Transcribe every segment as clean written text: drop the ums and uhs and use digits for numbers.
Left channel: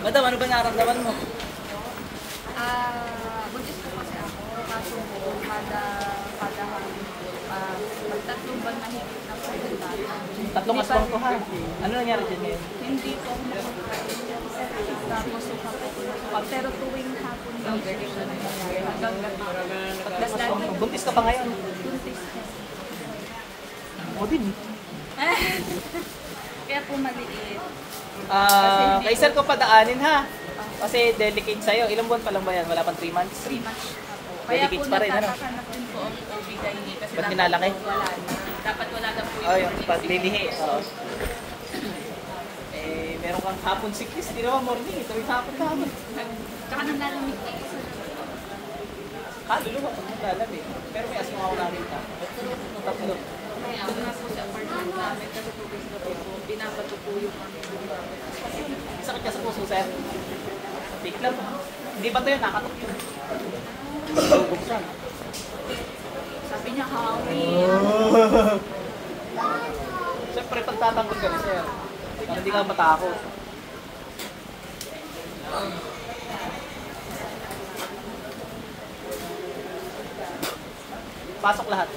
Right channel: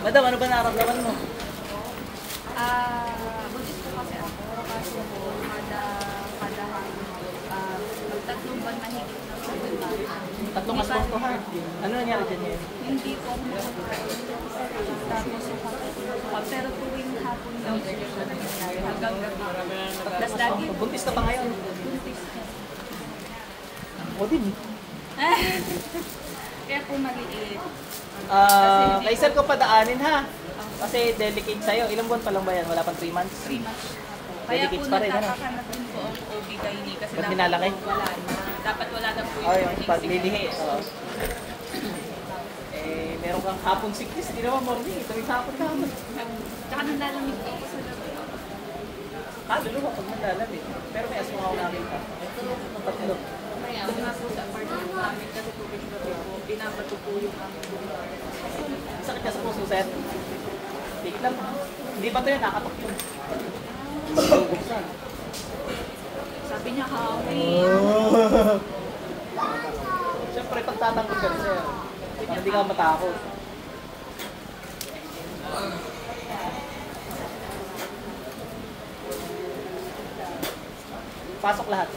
Madam, ano ba nararamdaman mo? Buntis po kasi ako, kaso po, kada hapon po, magtatlong bang mahigit ng 7 months. Tatlong aswang to ha. Ano nangyari dyan ngayon? Hindi po ako tapos pero tuwing hapon daw po siya nangyayari hanggang pagdasdan. Buntis ka pa ngayon? Buntis po. O din. Kaya po maliit. Kay sir ko padaanin ha. Kasi delicate sa'yo. Ilang buwan pa lang ba yan? Wala pang 3 months? 3 months na po. Kaya po nagkakahanap din po ang OB-GYN kasi ba't nilalaki? wala na. Dapat wala na po Ay, yung paglilihi. Meron kang hapon sickness. Hindi naman morning. Ito yung hapon namin. Tsaka nang lalamig po sa gabi. Kaluluwa pag maglalamig. Pero may aswang ako namin ka. Tatlo. Ako na po sa apartment namin kasi po binabato po yung aming lugar. Sakit ka sa puso, sir. Wait lang. Hindi ba ito yun? Nakatok yun. Buksan. Sabi niya, hawi. Siyempre, pagtatanggol ka, sir. Para hindi ka matakot. Pasok lahat.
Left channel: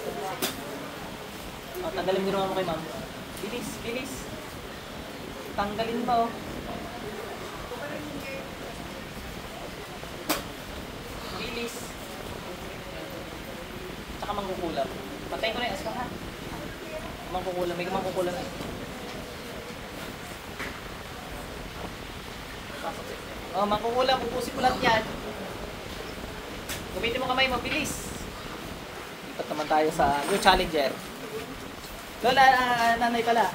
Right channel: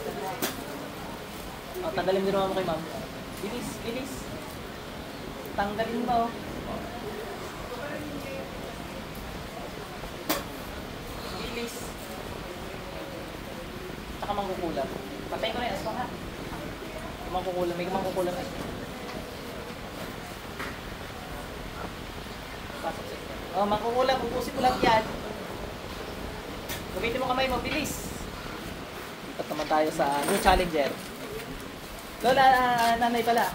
Tanggalin niyo naman mo kay ma'am. Bilis, bilis. Tanggalin mo. Bilis. Tsaka mangkukulam. Patayin ko na yung aswang ha. Mangkukulam. May mangkukulam na. Mangkukulam. Pupusin mo lang yan. Gamitin mo kamay mo. Bilis. Ipat naman tayo sa new challenger. Lola, nanay pala.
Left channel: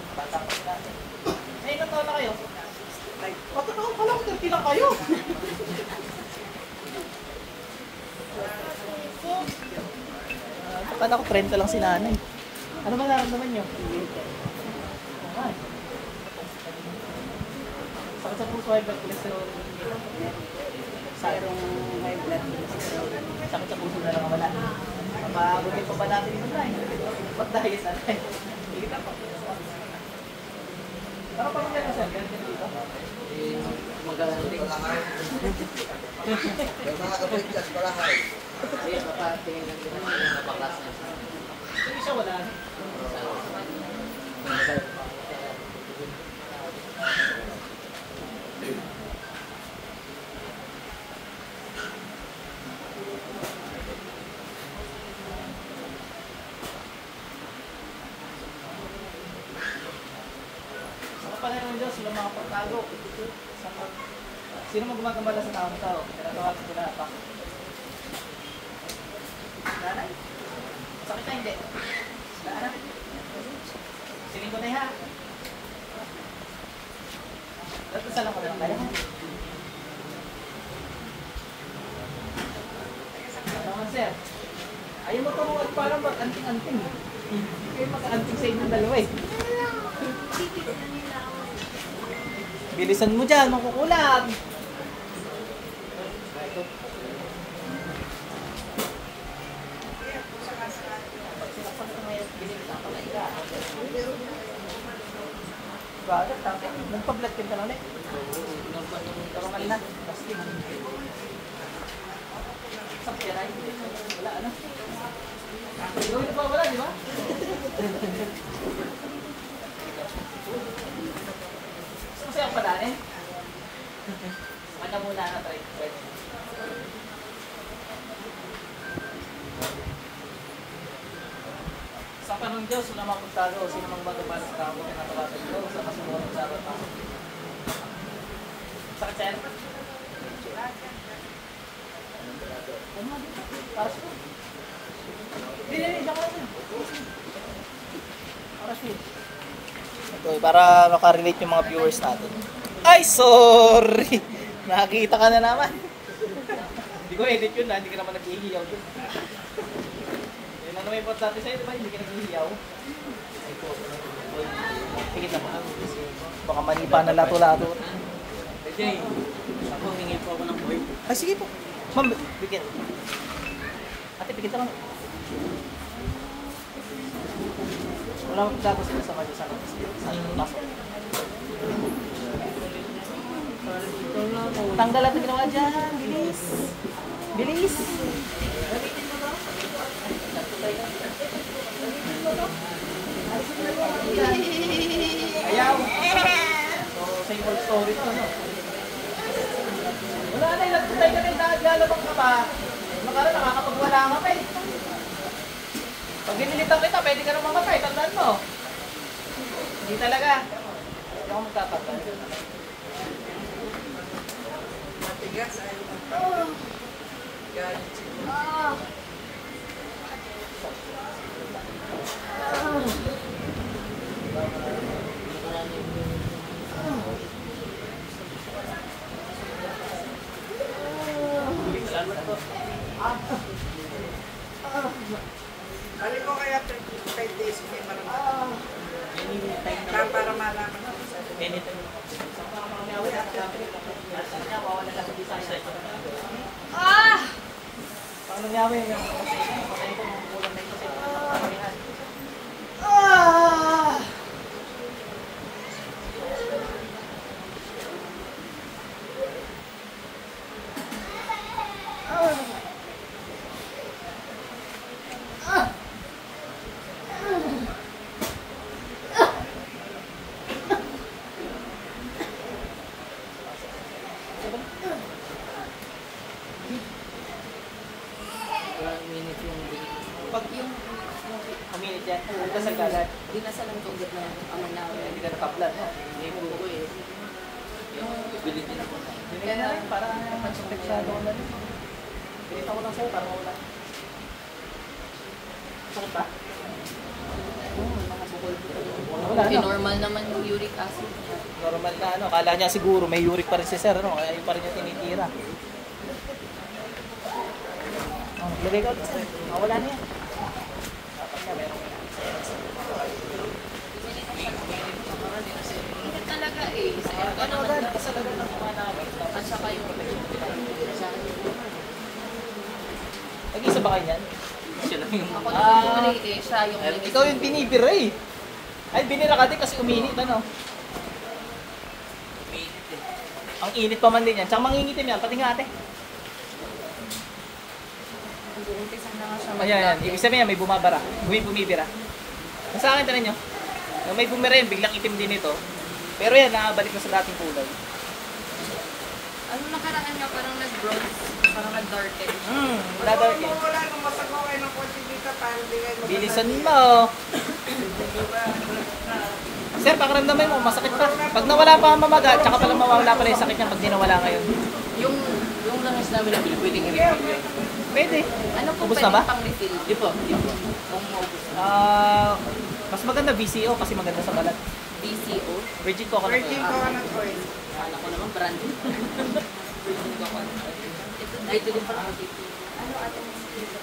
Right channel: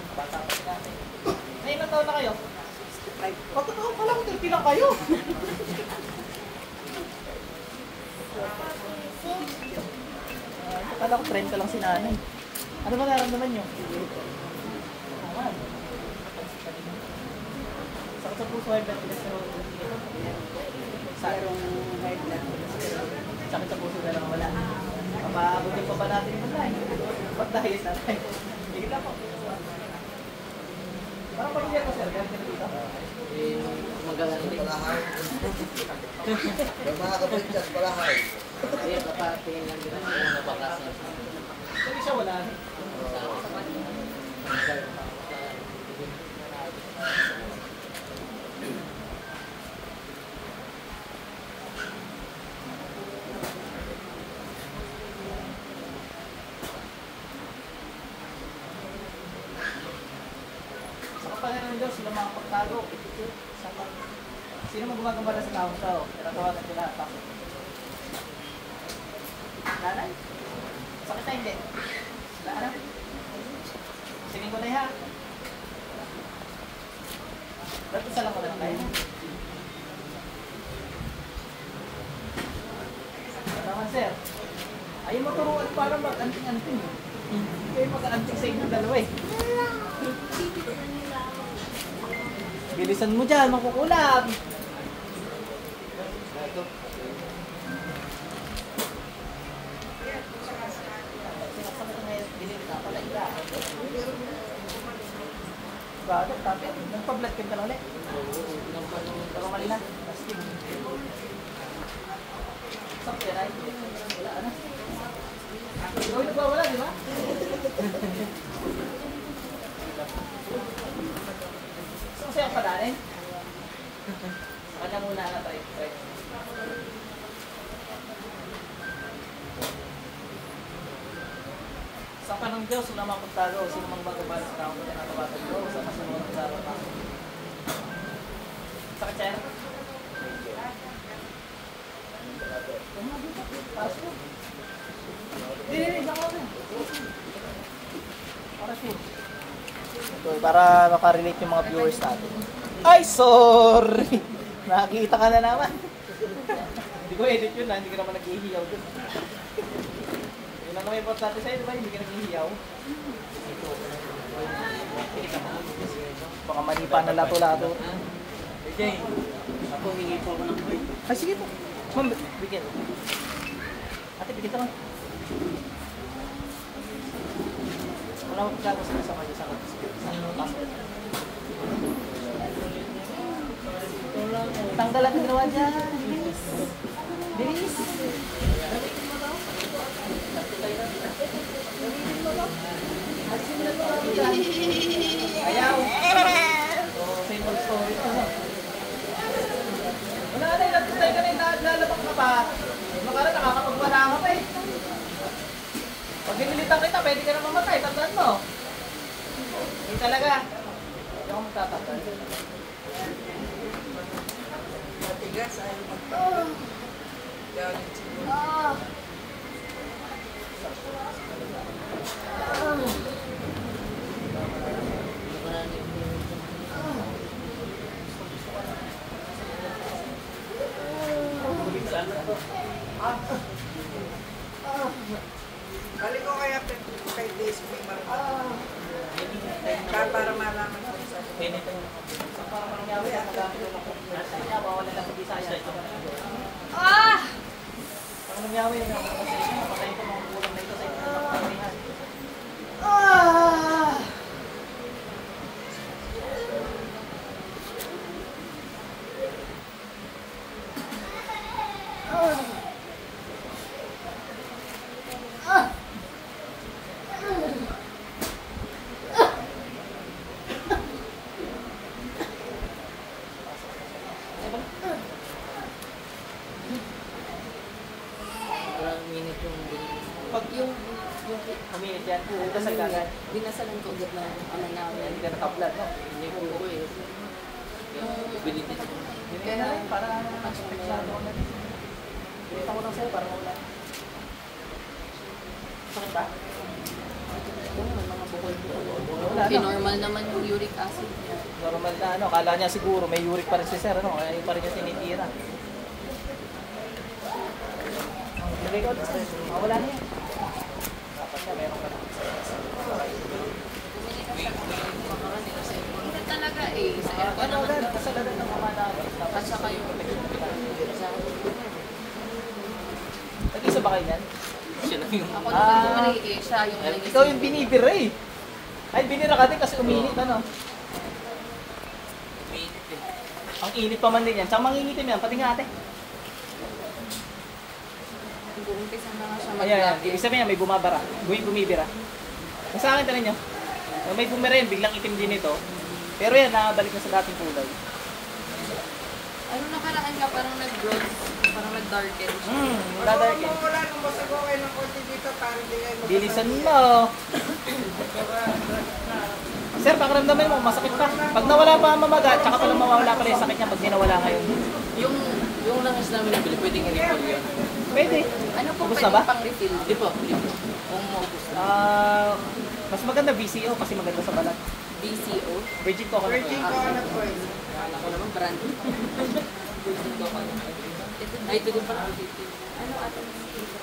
Ay, ilang taon na kayo? Ay, patataon pa lang, 30 lang kayo. Paano ko friend ko lang si nanay? Ano ba nararamdaman nyo? Sakit sa puso, high blood cholesterol. Sakirong high blood cholesterol. Sakit sa puso na lang wala. Mabagutin pa ba natin ito na eh? Ba't dahil sa nanay? Sige lang po. Ano pa yung sir? Magalang din. Mga kapalitas pala ha. Ayun, papatingin lang din ang bakas niya. Hindi siya wala. Panginoon Diyos, sila mga pagtago. Sino mo gumagamala sa taong tao? Tinatawag at tinatak. Nanay? Sakit na hindi? Nanay? Singin ko na ha. Dapat sa lang ko na tayo. Tama sir. Ayaw mo turuan parang mag-anting-anting. Hindi kayo mag-anting sa inyong dalawa eh. Bilisan mo dyan, makukulam. Nagpa-blood ka na ulit? Nagpa-blood na. Sakit yan ay? Wala, ano? Gawin pa wala, di ba? Saan siya ang padain? Sa kanya muna na try. Sa panang Diyos, walang mapagtalo. Sino mang magagawa sa tao, tinatawagan ko sa masamang sa araw. Sakit siya? Pasok. Hindi ako na. Para makarelate yung mga viewers natin. Ay, sorry! Nakakita ka na naman. Hindi ko edit yun na, hindi ka naman nag-ihiyaw dun. Yun ang may importante sa'yo, diba? Hindi ka nag-ihiyaw. Tigit na ka. Baka manipa na lato-lato. Jay, ako humingi po ako ng boy. Ay, sige po. Ma'am, bigyan. Ate, bigyan lang. Wala mo tapos na sa kanya sa pasok. Tanggal at ginawa dyan. Bilis. Bilis. Ayaw. Same old story ko mo. Wala na, ilan tayo na rin nakagalabang ka pa. Makara, nakakapagwala ka pa eh. Pag binilitan kita, pwede ka na mamatay. Tandaan mo. Hindi talaga. Ako magkakapag. Matigas, ayaw magpapag. Galit siya. Balik ko kaya 5 days may maramdaman. Para malaman ko sa Anytime. Para mangyawin ang dami. Sabi niya, wawala lang sa isa. Ano nangyawin? Kasi napatay ko ng ulang na ito sa ito. Pag yung minute yan, dasal ka agad. Dinasalan ko agad na ama namin. Hindi ka nakaplan mo. Hindi ko eh. Yung Bilhin na. Bilhin na rin, parang napansipeksado ko na rin. Bilhin ako lang sa'yo, parang wala. Sakit ba? mga bukol-bukol. Wala na. Normal naman yung uric acid. Normal na ano, kala niya siguro may uric pa rin si sir, ano, ay pa rin niya tinitira. Lagay ko, wala niya. Talaga eh. Sa aircon naman. At saka yung Tag-isa ba kayo niyan? Siya lang yung... ako yung bumalik eh. Siya yung Ikaw yung binibira eh. Ay, binira ka din kasi uminit, ano? Uminit din. Ang init pa man din yan. Tsaka mangingitim yan, pati nga ate. Umpisa na nga siya Ayan, ibig sabihin yan, may bumabara. May bumibira. Sa akin, tanan nyo. May bumira yan, biglang itim din ito. Pero yan, nakabalik na sa dating kulay. Ano nakaraan niya, parang nag-bronze, parang nag-darken. Dadark eh. Wala nung masago kayo ng kotse dito para di kayo Bilisan mo. Sir, pakiramdaman mo, masakit pa. Pag nawala pa ang mamaga, tsaka palang mawawala pa rin yung sakit niya pag dinawala ngayon. Yung langis namin nabili, pwedeng i-refill yun. Pwede. Ano po Ubus na pwede ba? pang refill? Di po, di po. Kung maubos na. Mas maganda VCO kasi maganda sa balat. BCO? Virgin coconut Virgin oil. coconut oil. Kala ko naman brand. Ay, ito din pala.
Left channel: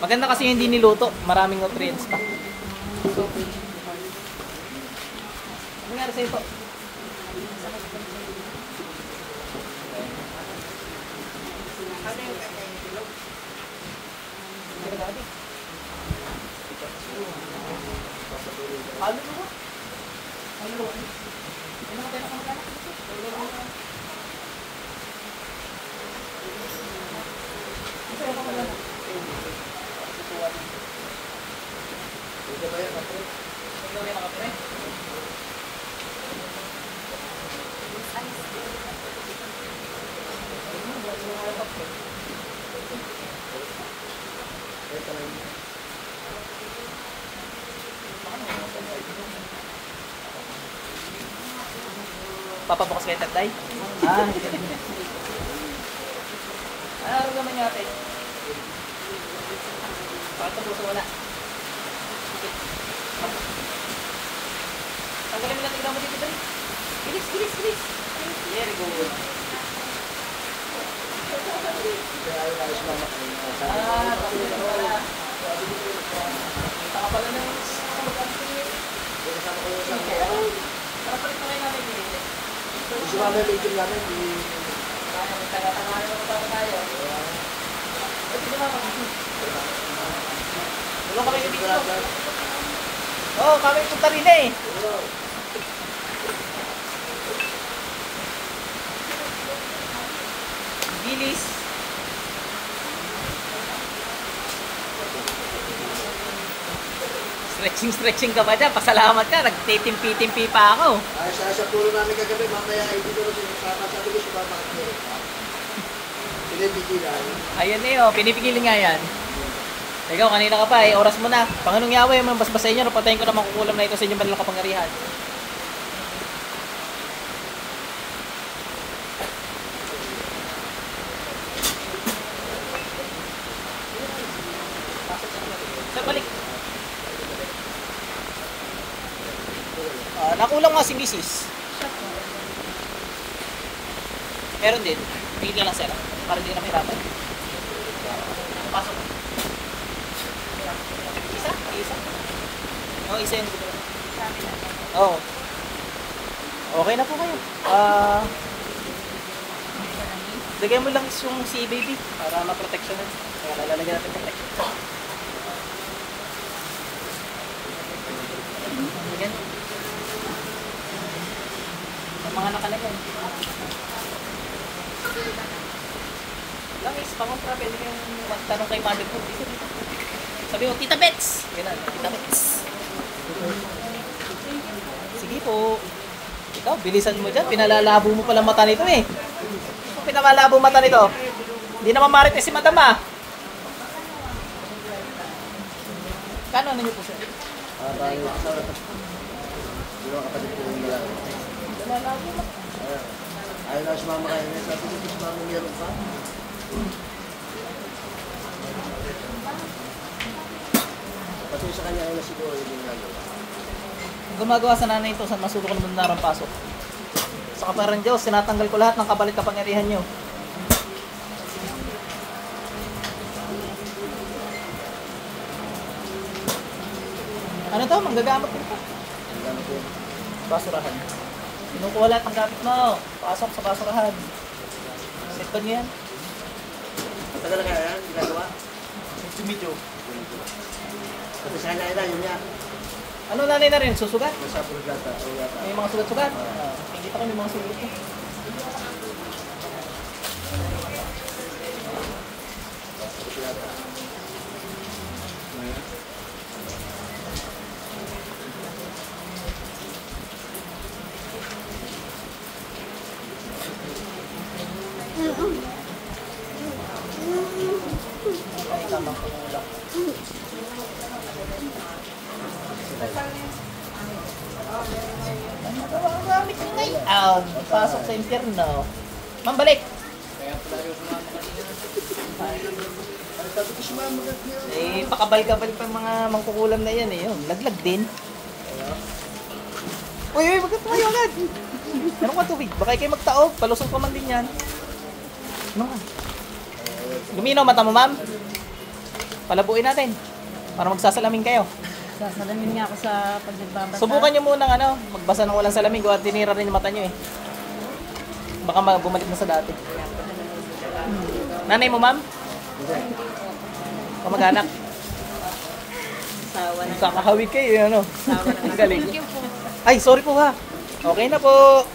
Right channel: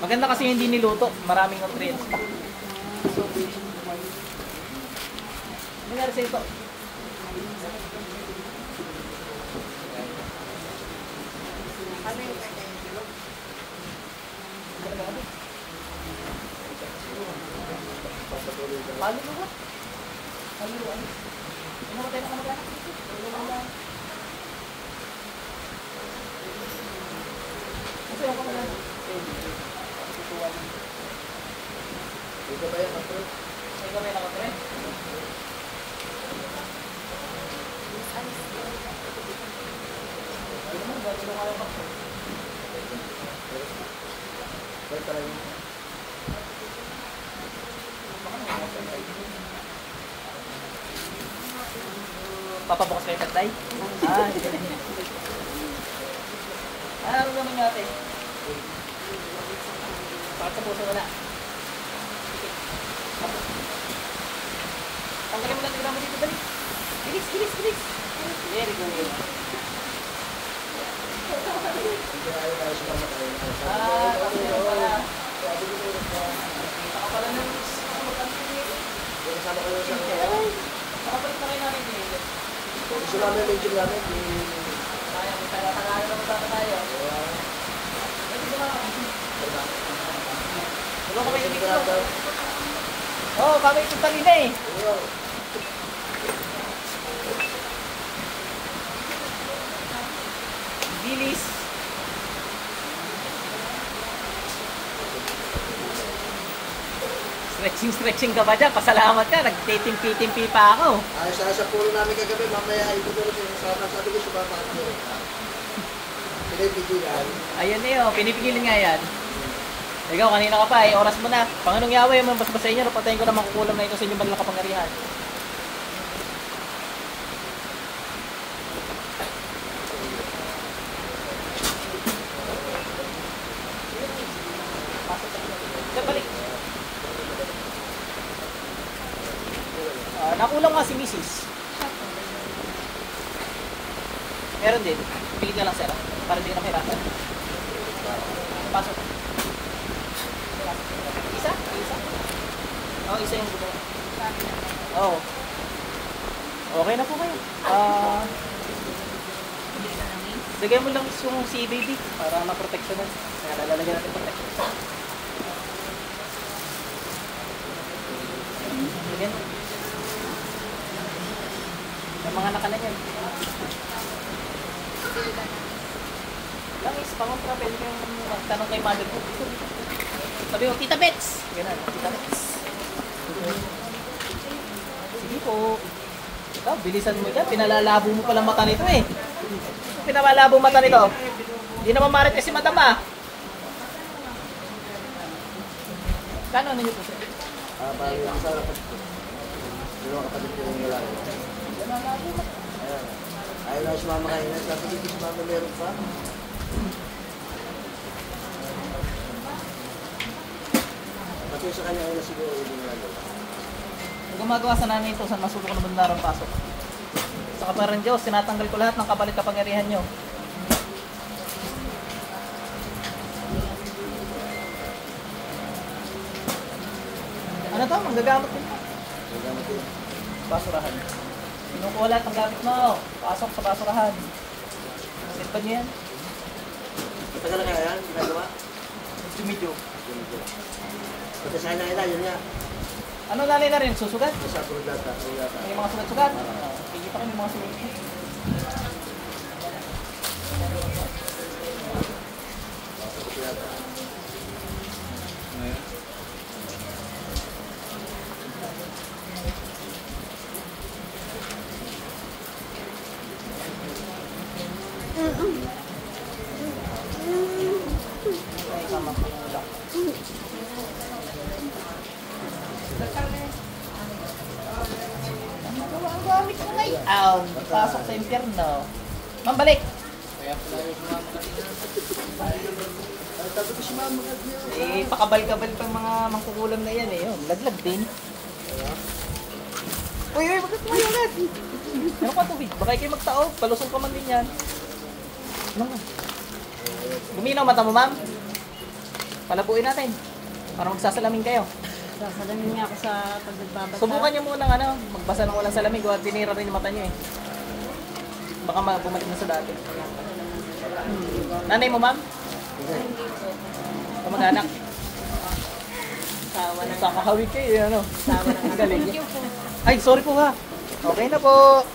Maganda kasi hindi niluto. Maraming nutrients pa. Ano nangyari sa'yo po? Ano yung kanyang tulog? Paano nyo ba? Ano nyo ba? Ano mo tayo nakamagana? Kasi ako wala na. Ito ba yan? Ito ba yan nakapire? Papabukas kayo tatay? Araw naman nga tayo. Bakit po wala? Sige. Tanggalin mo lang tignan mo dito, dali. Bilis, bilis, bilis. There you go. Tapos yun pala. Kita ka pala ng makapalit pa kayo natin dito. Gusto namin yung video namin, Taga-taga mo ba tayo? Ito dumama ko. Wala kami yung video. Oo, kami yung tarina eh. bilis. Stretching ka pa dyan. Pasalamat ka. Nagtitimpi-timpi pa ako. Ay, sa puro namin kagabi, mamaya hindi ko rin pinag-usapan. Sabi ko, sumama ako. Pinipigilan. Ayun na yun. Pinipigilin nga yan. Ikaw, kanina ka pa. Oras mo na. Panginoong Yahweh, yung mga basbasahin nyo. Napatayin ko na mga kulam na ito sa inyong banal na kapangyarihan. Balik. Nakulang nga si Mrs. Meron din. Tingin lang sila. Para hindi ka na hirapan. Pasok. Isa? Isa? Oo, isa yung gusto. Oo. Okay na po kayo. Lagay mo lang yung si baby para ma-protection na. Kaya lalagyan ko protection. Ayan. Ang mga nakalagay. Lang is, pangontra, pwede kong magtanong kay mother ko. Sabi mo, Tita Bets! Ganun, Tita Bets. Sige po. Ikaw, bilisan mo dyan. Pinalalabo mo palang mata nito eh. Pinalalabo mata nito. Hindi naman marites si madam ah. Kano na nyo po siya? Bago ko sa yung kapatid ko yung nila. Ayaw na sumama kayo. Sabi ko sumama meron pa. Pati sa kanya na siguro yung nila. Ang gumagawa sa nanay ito sa masuko ng narang pasok. Sa kaparang Diyos, sinatanggal ko lahat ng kabalit kapangyarihan nyo. Ano to? Manggagamot dito. Magagamit yun. Basurahan. Kinukuha lahat ng gamit mo. Pasok sa basurahan. Set ba niyo yan? Matagal na kaya yan? Ginagawa? Medyo. Pati sa kanya nila, yun nga. Ano nanay na rin? Susugat? Isa puro data. May mga sugat-sugat? Hindi pa kami mga sugat. Pasok sa impyerno. Ma'am, balik! Eh, pakabal-kabal pang mga mangkukulam na yan eh. Yun, laglag din. Uy, bakit mo yung agad? Ano ba tubig? Baka kayo magtaob. Palusot pa man din yan. Luminaw mata mo, ma'am. Palabuin natin. Para magsasalamin kayo. Sasalamin niya ako sa pagbagbabasa. Subukan nyo muna magbasa ng walang salamin. Kung tinira rin yung mata nyo eh. Baka bumalik na sa dati. Nanay mo, ma'am? Kamag-anak? Kakahawig kayo, ano? Ang galing. Ay, sorry po ha. Okay na po.